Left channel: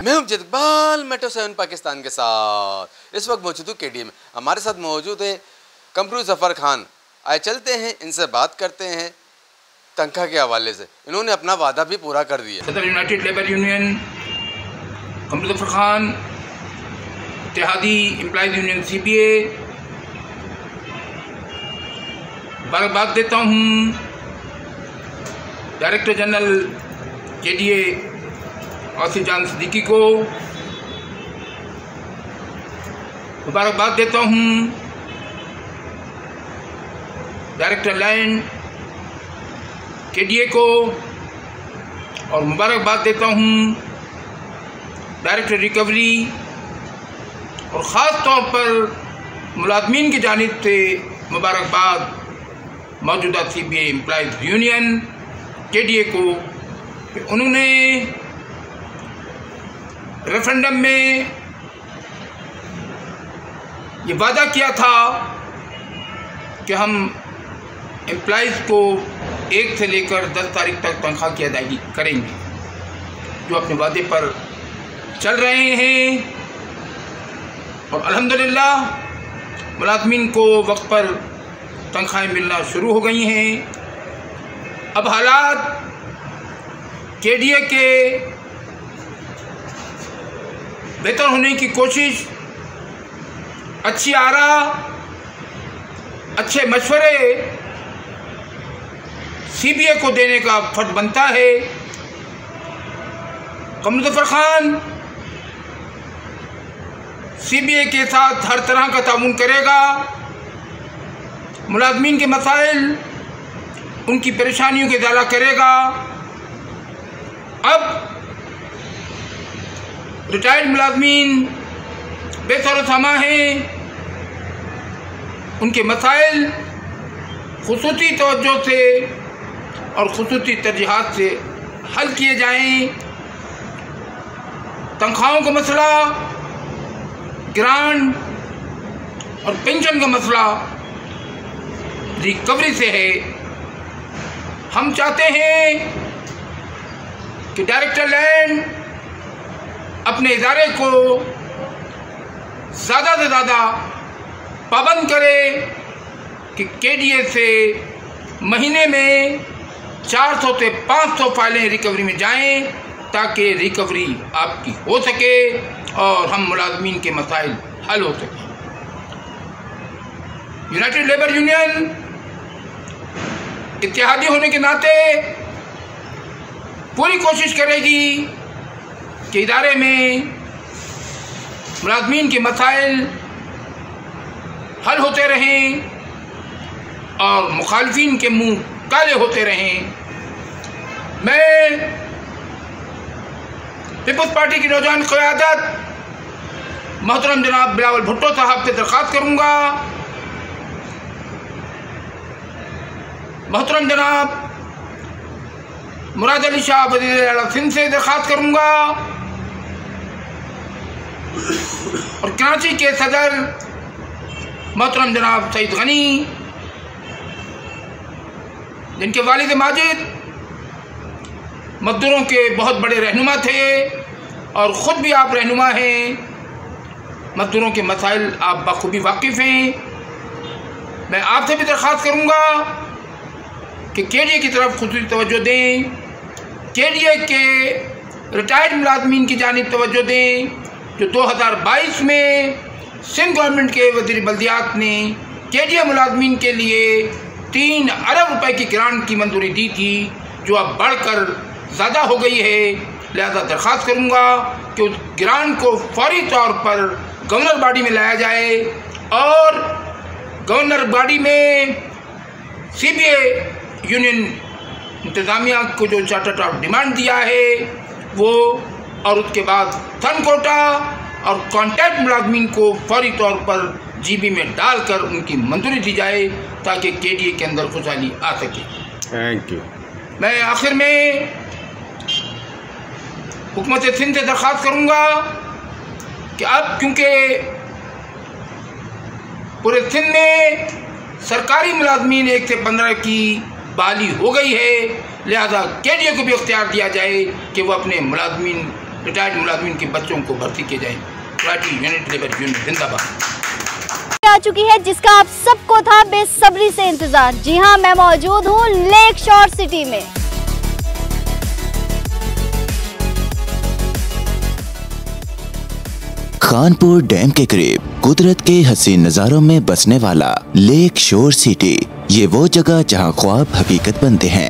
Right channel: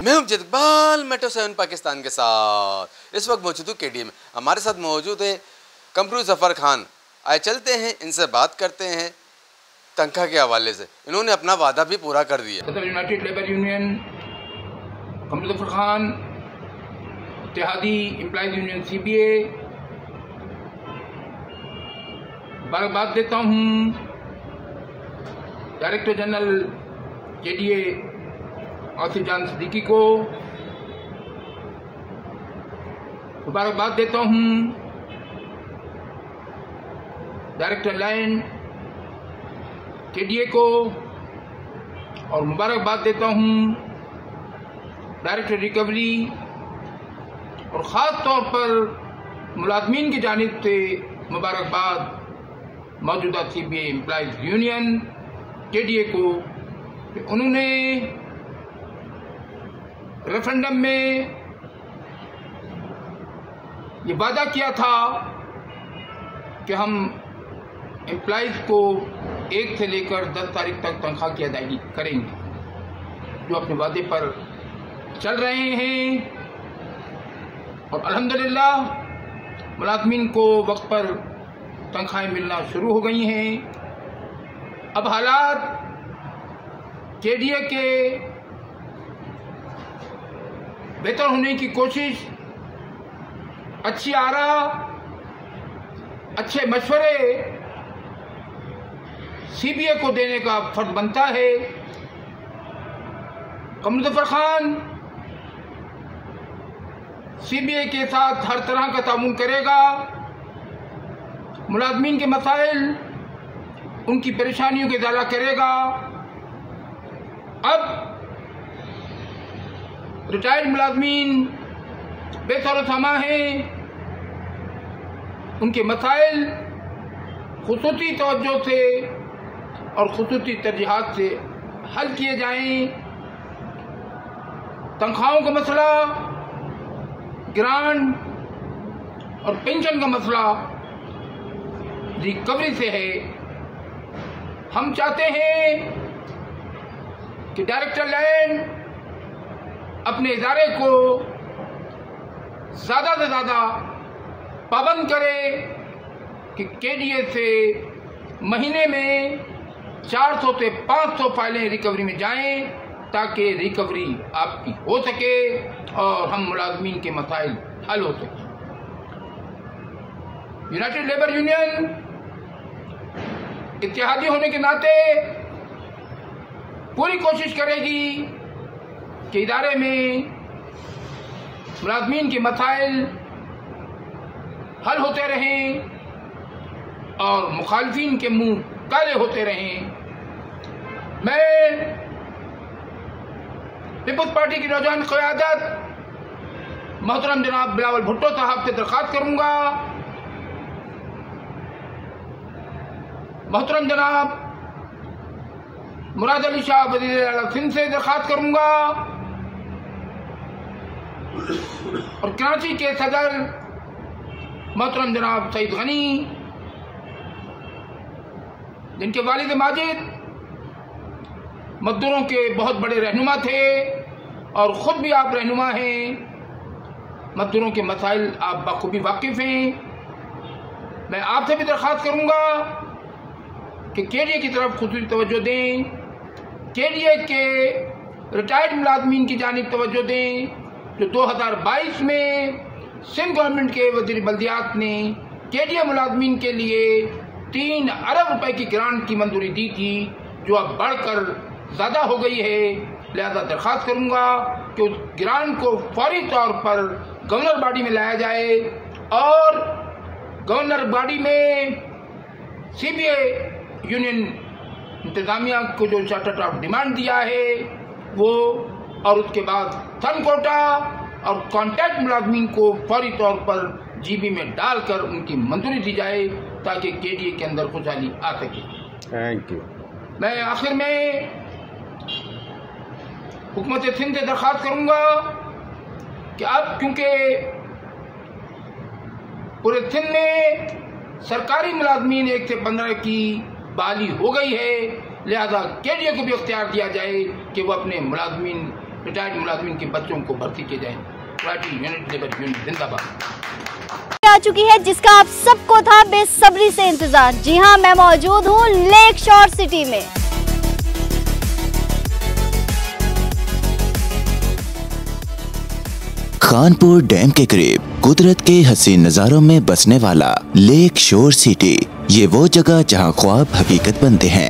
मैं हूं इकबाल मेट्रो 7 पाकिस्तान के साथ। इस वक्त मौजूद हूँ केडी में। हमारे साथ मौजूद है कंप्यूटर जफर खान। आए चलते हैं इनसे बात करते हैं तनख्वाह के हवाले से। इन्होंने अपना वादा भी पूरा कर दिया। सदर united labour union computer Zafar Khan, इत्तेहादी एम्प्लॉयज़ यूनियन CBA, मुबारकबाद देता हूँ डायरेक्टर जनरल KDA आसिफ जान सिद्दीकी को। मुबारकबाद देता हूँ डायरेक्टर लैंड KDA को, और मुबारकबाद देता हूँ डायरेक्टर रिकवरी, और ख़ास तौर पर मुलाजमीन की जानिब से मुबारकबाद मौजूदा CBA एम्प्लॉयज़ यूनियन KDA को कि उन्होंने रेफरेंडम में ये वादा किया था कि हम एम्प्लॉयज़ को 1 से लेकर 10 तारीख तक तनख्वाह की अदायगी करेंगे, जो अपने वादे पर चल रहे हैं। और अल्हम्दुलिल्लाह मुलाजमीन को वक्त पर तनख्वाहें मिलना शुरू हो गई हैं। अब हालात KDA के बेहतर होने की कोशिश, अच्छी आरा, अच्छे मशवरे CBA को देने का फर्ज बनता है। कंप्यूटर जफर खान CBA के साथ हर तरह का ताउन करेगा। मुलाजमीन के मसाइल, उनकी परेशानियों के इजाला करेगा। अब रिटायर्ड मुलाजमीन बेसर सामा हैं, उनके मसाइल खुसूसी तवज्जो से और खुसूसी तरजीहात से हल किए जाएं। तनख्वाहों का मसला, ग्रांट और पेंशन का मसला रिकवरी से है। हम चाहते हैं कि डायरेक्टर लैंड अपने इदारे को ज़्यादा से ज़्यादा पाबंद करे कि KDA से महीने में 400 से 500 फाइलें रिकवरी में जाएं, ताकि रिकवरी आपकी हो सके और हम मुलाजमीन के मसाइल हल हो सके। यूनाइटेड लेबर यूनियन इत्तेहादी होने के नाते पूरी कोशिश करेगी कि इदारे में मुलाजमीन के मसाइल हल होते रहें और मुखालफिन के मुंह काले होते रहें। मैं पीपल्स पार्टी की नौजवान क़यादत मोहतरम जनाब बिलावल भुट्टो साहब से दरख्वास्त करूँगा, मोहतरम जनाब मुराद अली शाह वज़ीर आला सिंध से दरख्वास्त करूँगा, और कराची के सदर मोहतरम जनाब सईद गनी, जिनके वालिद माजिद मजदूरों के बहुत बड़े रहनुमा थे और ख़ुद भी आप रहनुमा हैं, मजदूरों के मसाइल आप बखूबी वाकिफ़ हैं। मैं आपसे भी दरख्वास्त करूँगा कि KDA की तरफ खुसूसी तवज्जो दें, KDA के रिटायर्ड मुलाजमीन की जानिब तवज्जो दें, जो 2022 में सिंध गवर्नमेंट के वज़ीर बल्दियात ने KDA मुलाजमीन के लिए 3 अरब रुपए की ग्रांट की मंजूरी दी थी, जो अब बढ़कर ज़्यादा हो गई है। लिहाजा दरख्वास्त करूँगा कि उस ग्रांट को फौरी तौर पर गवर्नर बॉडी में लाया जाए और गवर्नर बॉडी में CBA यूनियन इंतज़ामिया को जो चार्टर ऑफ डिमांड दिया है वो, और उसके बाद फन कोटा और कॉन्ट्रैक्ट मुलाजमीन को फौरी तौर पर GB में डालकर उनकी मंजूरी दी जाए, ताकि KDA के अंदर खुशहाली आ सके। Thank you. मैं आखिर में हुकूमत सिंध से दरख्वास्त करूँगा कि अब क्योंकि पूरे सिंध में सरकारी मुलाजमीन 1 से 15 की बहाली हो गई है, लिहाजा KDA को भी इख्तियार दिया जाए कि वो अपने मुलाजमीन रिटायर्ड मुलाजिम के बच्चों को भर्ती किए जाए। मराठी यूनिट लेबर यूनियन जिंदाबाद। आ चुकी है जिसका आप सबको था बेसब्री से इंतजार। जी हाँ, मैं मौजूद हूँ लेक शोर सिटी में। खानपुर डैम के करीब कुदरत के हसीन नज़ारों में बसने वाला लेक शोर सिटी, ये वो जगह जहां ख्वाब हकीकत बनते हैं।